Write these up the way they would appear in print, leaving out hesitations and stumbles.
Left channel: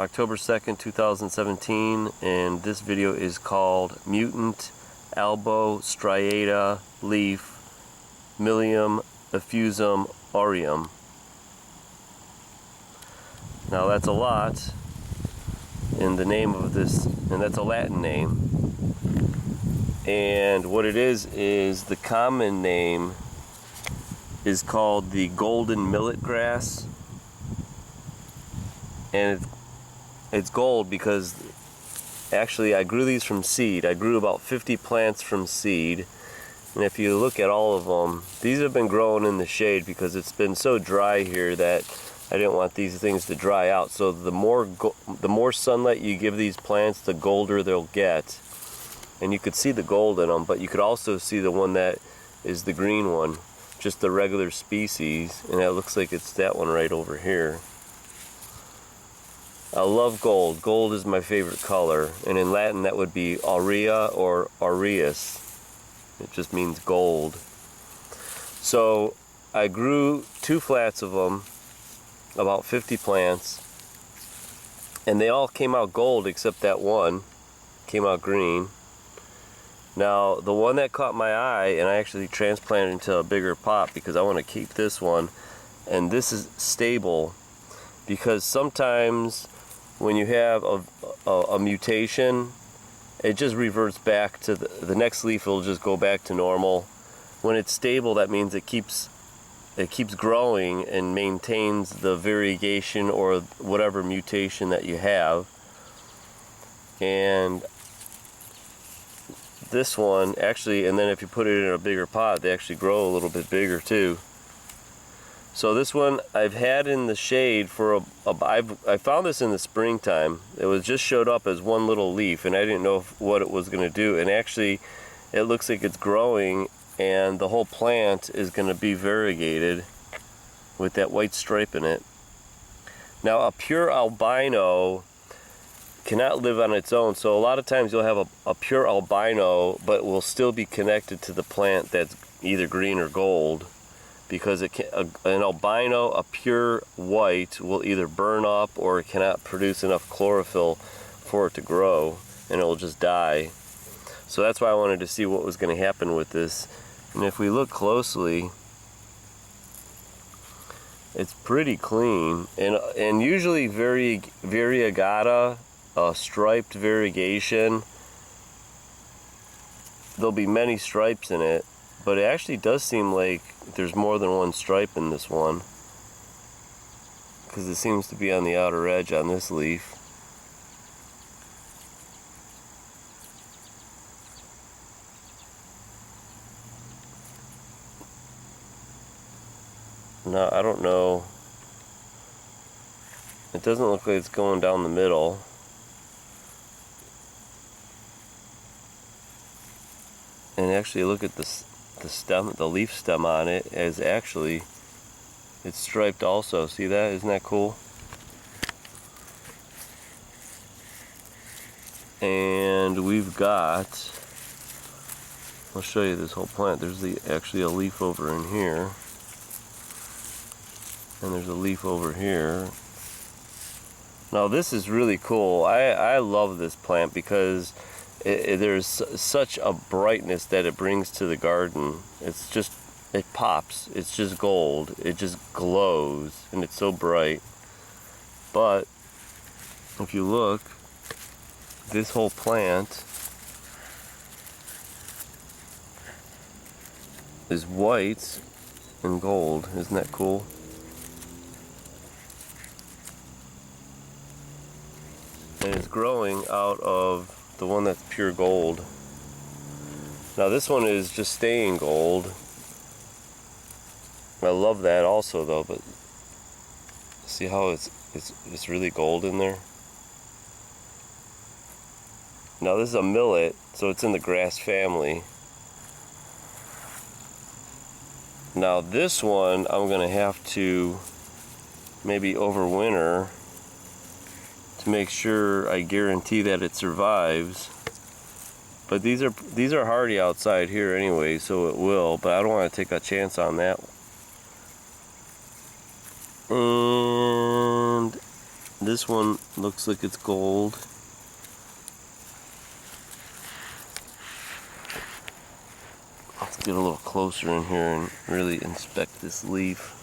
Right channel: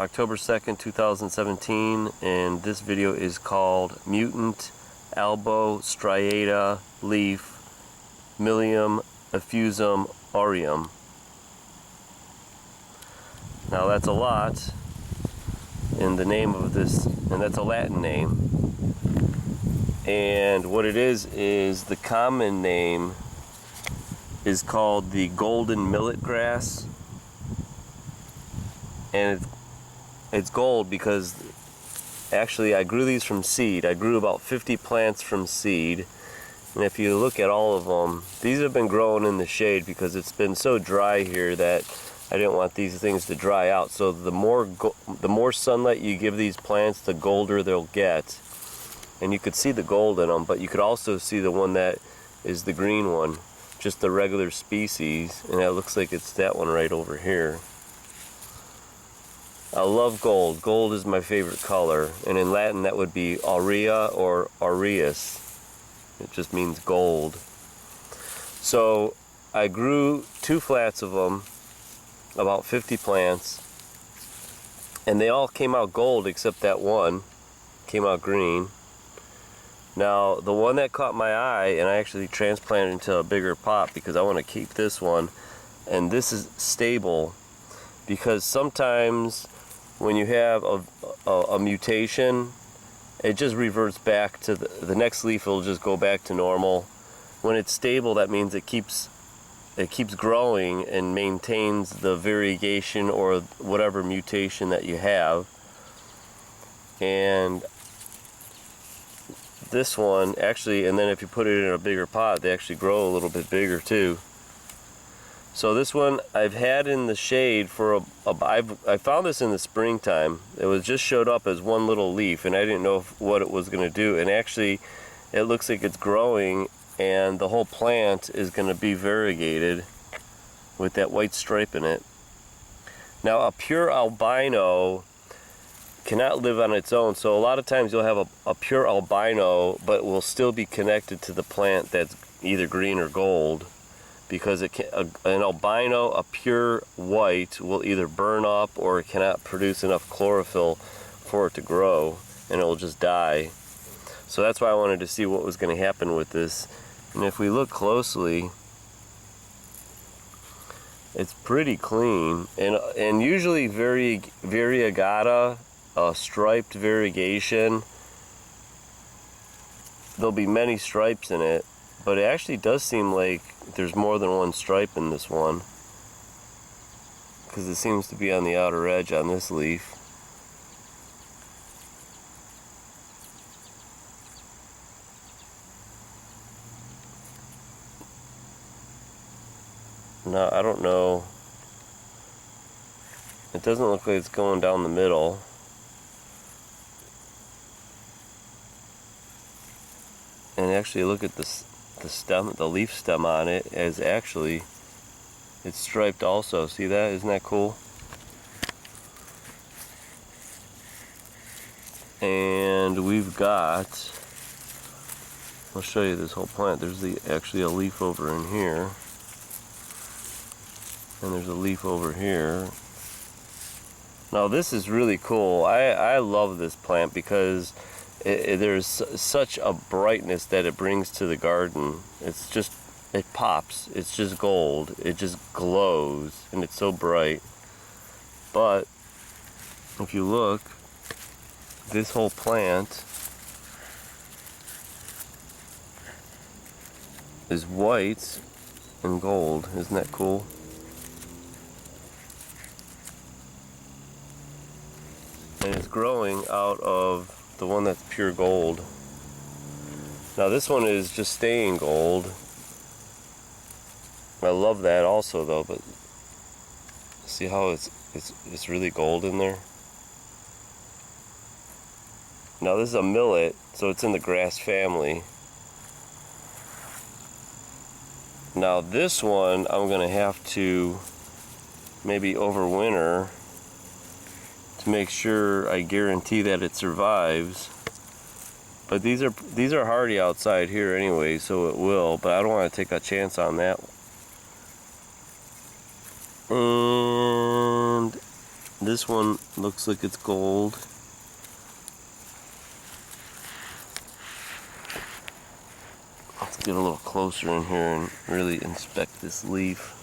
October 2nd, 2017, and this video is called Mutant Albo Striata leaf Millium effusum aureum. Now that's a lot in the name of this, and that's a Latin name. And what it is the common name is called the golden millet grass. And it's gold because actually I grew these from seed. I grew about 50 plants from seed. And if you look at all of them, these have been growing in the shade because it's been so dry here that I didn't want these things to dry out. So the more sunlight you give these plants, the golder they'll get. And you could see the gold in them, but you could also see the one that is the green one, just the regular species, and it looks like it's that one right over here. I love gold. Gold is my favorite color, and in Latin that would be aurea or aureus. It just means gold. So I grew 2 flats of them, about 50 plants, and they all came out gold except that one came out green. Now the one that caught my eye, and I actually transplanted into a bigger pot because I want to keep this one, and this is stable because sometimes when you have a mutation, it just reverts back to the next leaf will just go back to normal. When it's stable, that means it keeps growing and maintains the variegation or whatever mutation that you have. And this one actually, and then if you put it in a bigger pot, they actually grow a little bit bigger too. So this one I've had in the shade for I found this in the springtime. It was just showed up as one little leaf, and I didn't know what it was going to do. And actually, it looks like it's growing, and the whole plant is going to be variegated with that white stripe in it. Now, a pure albino cannot live on its own, so a lot of times you'll have a pure albino, but will still be connected to the plant that's either green or gold, because an albino, a pure white, will either burn up or it cannot produce enough chlorophyll for it to grow, and it will just die. So that's why I wanted to see what was going to happen with this. And if we look closely, it's pretty clean, and usually variegata, striped variegation, there'll be many stripes in it, but it actually does seem like there's more than one stripe in this one, because it seems to be on the outer edge on this leaf. Now, I don't know, it doesn't look like it's going down the middle. And actually look at the stem, the leaf stem on it is actually, it's striped also. See that? Isn't that cool? And we've got, I'll show you this whole plant. There's actually a leaf over in here, and there's a leaf over here. Now this is really cool. I love this plant because there's such a brightness that it brings to the garden. It's just, it pops. It's just gold. It just glows, and it's so bright. But if you look, this whole plant is white and gold. Isn't that cool? And it's growing out of the one that's pure gold. Now this one is just staying gold. I love that also though, but see how it's really gold in there? Now this is a millet, so it's in the grass family. Now this one I'm gonna have to maybe overwinter to make sure I guarantee that it survives. But these are hardy outside here anyway, so it will, but I don't want to take a chance on that. And This one looks like it's gold. Let's get a little closer in here and really inspect this leaf.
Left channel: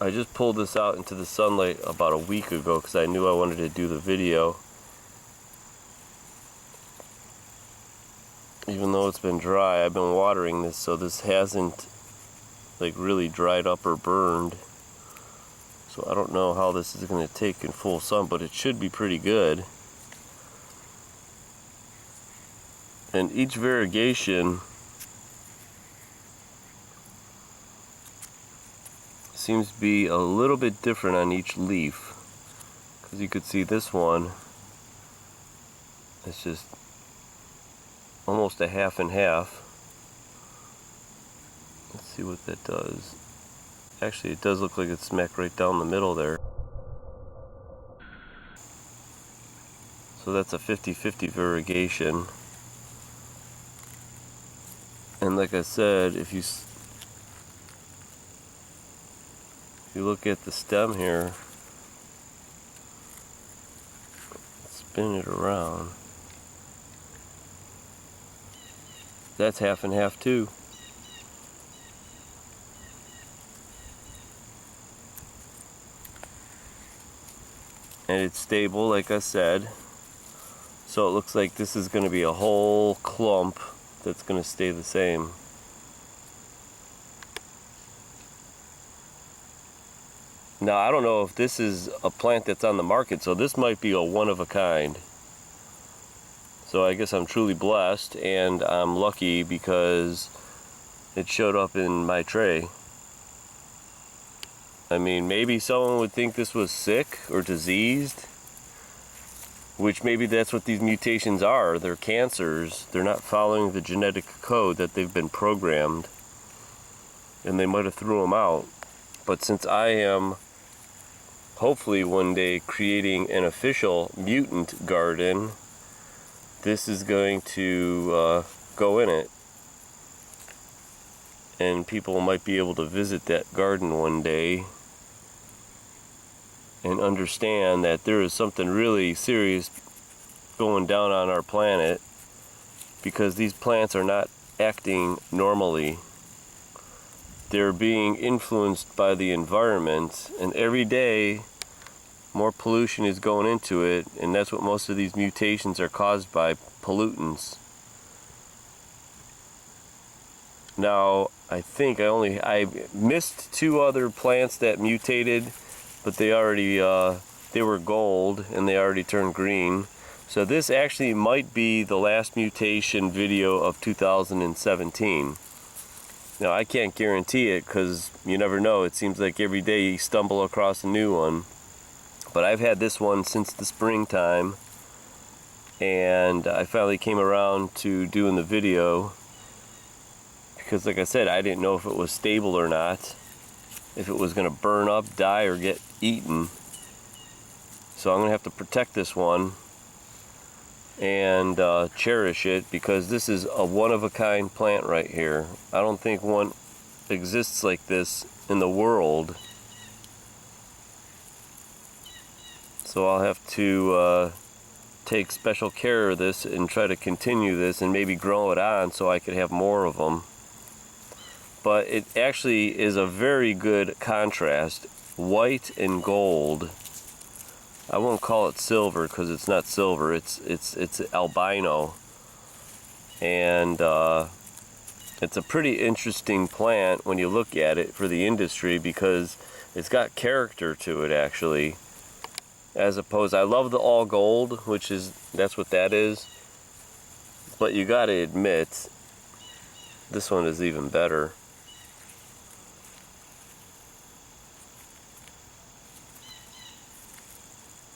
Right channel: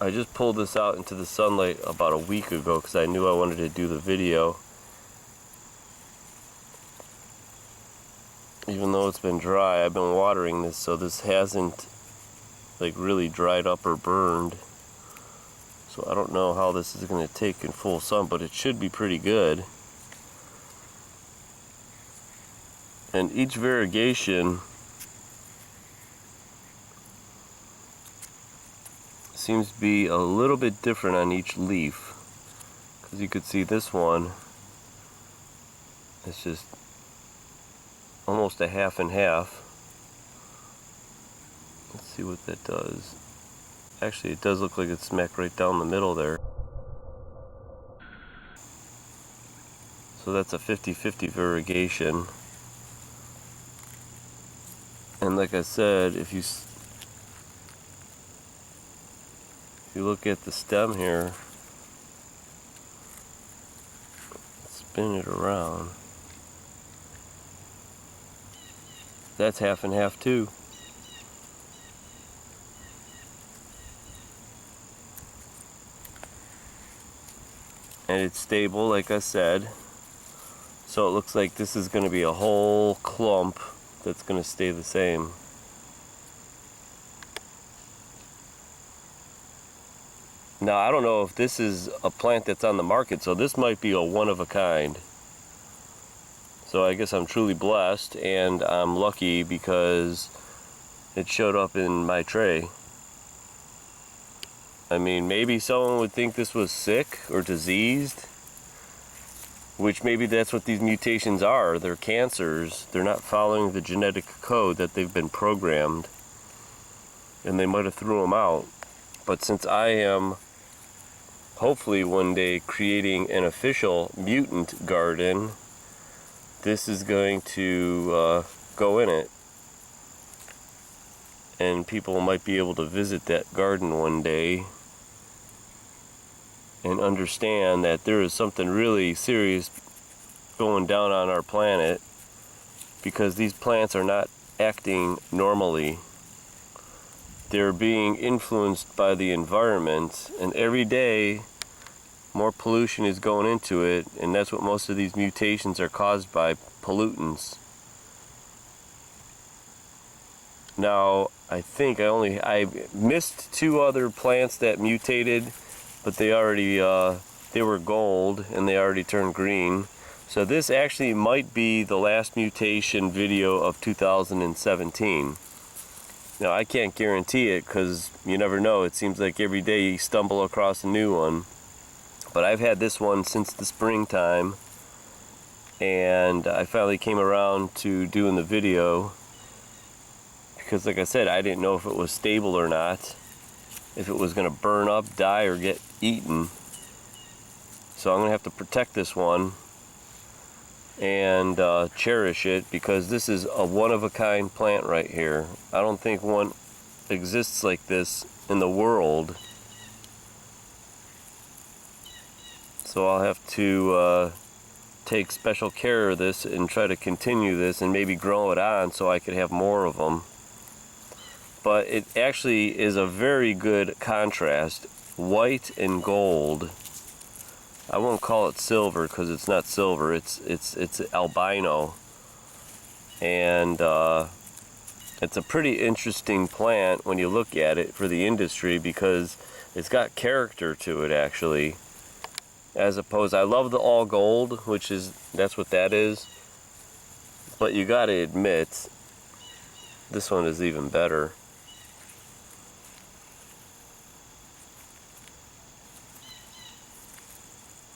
I just pulled this out into the sunlight about a week ago because I knew I wanted to do the video. Even though it's been dry, I've been watering this, so this hasn't like really dried up or burned. So I don't know how this is going to take in full sun, but it should be pretty good. And each variegation seems to be a little bit different on each leaf, because you could see this one, it's just almost a half and half. Let's see what that does. Actually, it does look like it's smack right down the middle there. So that's a 50-50 variegation. And like I said, if you look at the stem here, spin it around, that's half and half too. And it's stable, like I said. So it looks like this is going to be a whole clump that's going to stay the same. Now, I don't know if this is a plant that's on the market, so this might be a one of a kind. So I guess I'm truly blessed, and I'm lucky because it showed up in my tray. I mean, maybe someone would think this was sick or diseased, which maybe that's what these mutations are. They're cancers. They're not following the genetic code that they've been programmed, and they might have threw them out. But since I am hopefully one day creating an official mutant garden, this is going to go in it. And people might be able to visit that garden one day and understand that there is something really serious going down on our planet, because these plants are not acting normally. They're being influenced by the environment, and every day more pollution is going into it, and that's what most of these mutations are caused by, pollutants. Now, I think I missed two other plants that mutated, but they already they were gold and they already turned green. So this actually might be the last mutation video of 2017. Now, I can't guarantee it because you never know. It seems like every day you stumble across a new one. But I've had this one since the springtime, and I finally came around to doing the video because, like I said, I didn't know if it was stable or not, if it was going to burn up, die, or get eaten. So I'm going to have to protect this one and cherish it, because this is a one-of-a-kind plant right here. I don't think one exists like this in the world. So I'll have to take special care of this and try to continue this and maybe grow it on so I could have more of them. But it actually is a very good contrast, white and gold. I won't call it silver because it's not silver. It's albino, and it's a pretty interesting plant when you look at it for the industry, because it's got character to it actually. As opposed, I love the all gold, that's what that is. But you got to admit, this one is even better.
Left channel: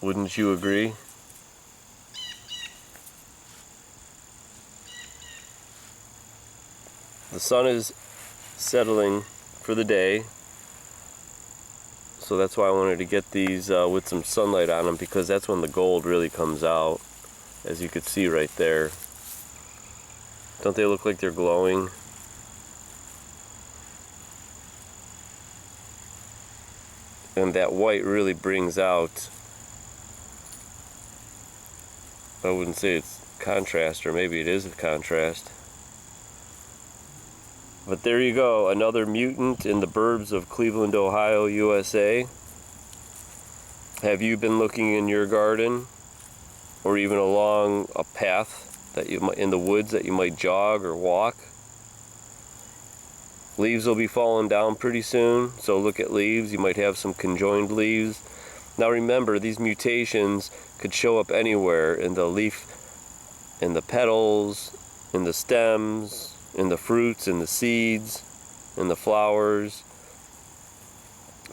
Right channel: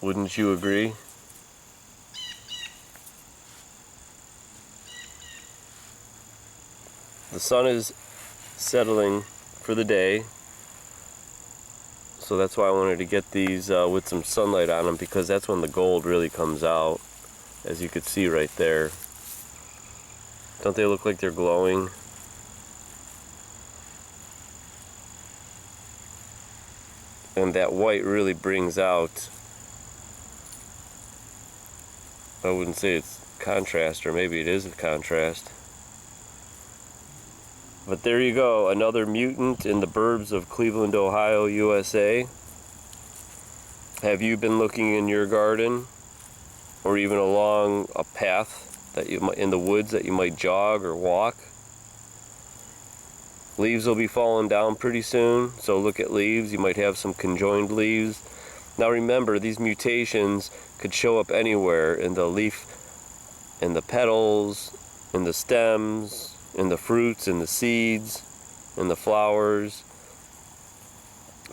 Wouldn't you agree? the sun is settling for the day, so that's why I wanted to get these with some sunlight on them, because that's when the gold really comes out, as you could see right there. Don't they look like they're glowing? And that white really brings out, I wouldn't say it's contrast, or maybe it is a contrast. But there you go, another mutant in the burbs of Cleveland, Ohio, USA. Have you been looking in your garden, or even along a path that you might, in the woods, that you might jog or walk? Leaves will be falling down pretty soon, so look at leaves. You might have some conjoined leaves. Now remember, these mutations could show up anywhere, in the leaf, in the petals, in the stems, in the fruits, in the seeds, in the flowers.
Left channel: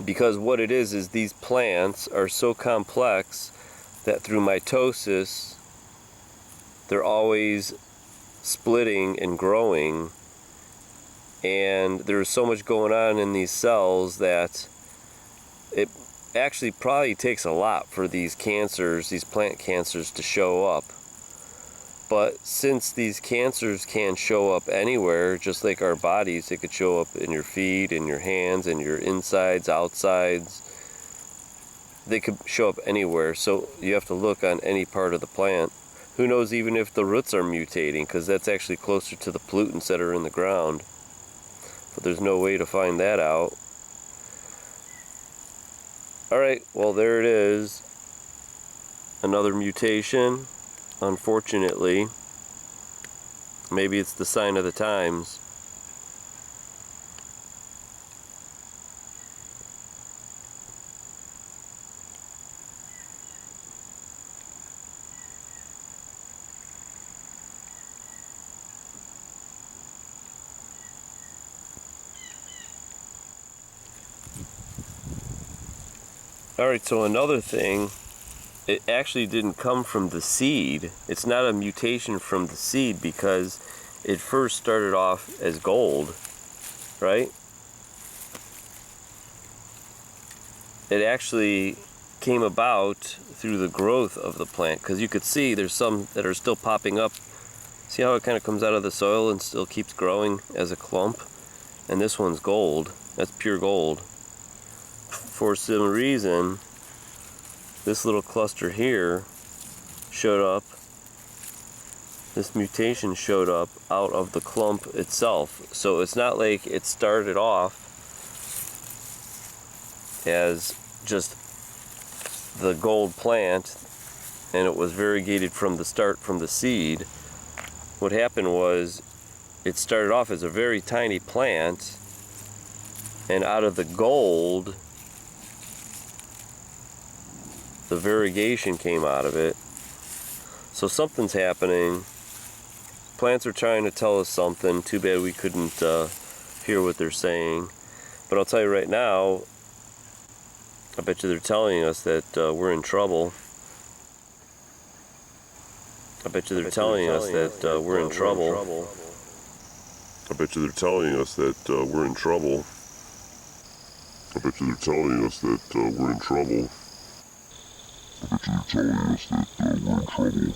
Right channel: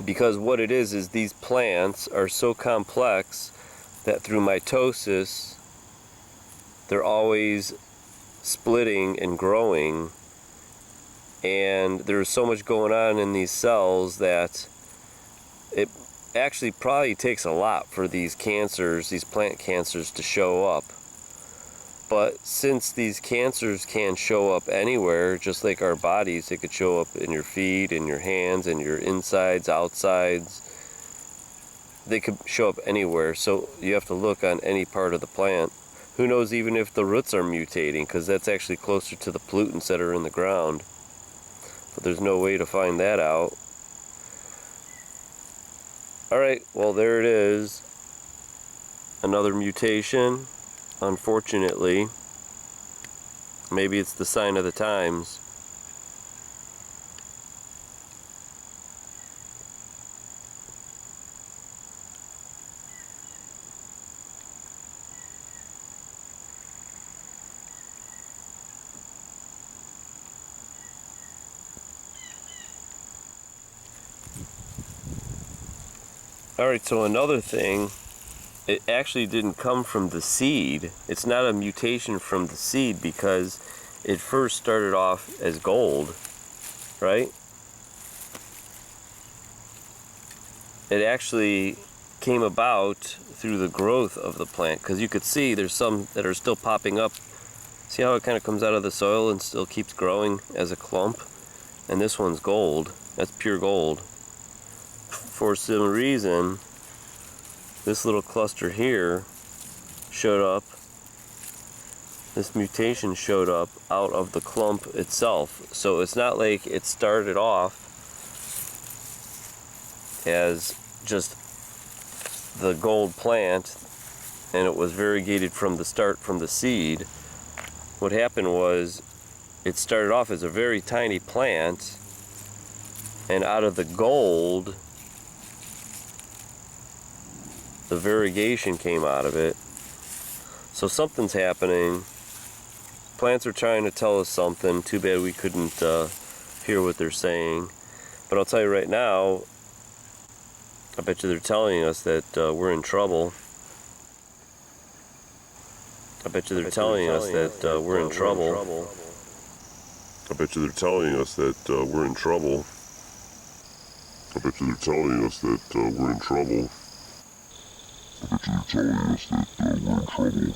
Because what it is these plants are so complex that through mitosis, they're always splitting and growing. And there's so much going on in these cells that it actually probably takes a lot for these cancers, these plant cancers, to show up. But since these cancers can show up anywhere, just like our bodies, they could show up in your feet, in your hands, in your insides, outsides. They could show up anywhere, so you have to look on any part of the plant. Who knows even if the roots are mutating, because that's actually closer to the pollutants that are in the ground. But there's no way to find that out. Alright, well there it is. Another mutation, unfortunately. Maybe it's the sign of the times. Alright, so another thing, it actually didn't come from the seed. It's not a mutation from the seed, because it first started off as gold, right? It actually came about through the growth of the plant, because you could see there's some that are still popping up. See how it kind of comes out of the soil and still keeps growing as a clump? And this one's gold. That's pure gold. For some reason, this little cluster here showed up. This mutation showed up out of the clump itself. So it's not like it started off as just the gold plant and it was variegated from the start, from the seed. What happened was it started off as a very tiny plant, and out of the gold, the variegation came out of it. So something's happening. Plants are trying to tell us something. Too bad we couldn't hear what they're saying. But I'll tell you right now, I bet you they're telling us that we're in trouble. I bet you they're telling us that we're in trouble. I bet you they're telling us that we're in trouble. I bet you they're telling us that we're in trouble. I bet you they're telling us that we're in trouble.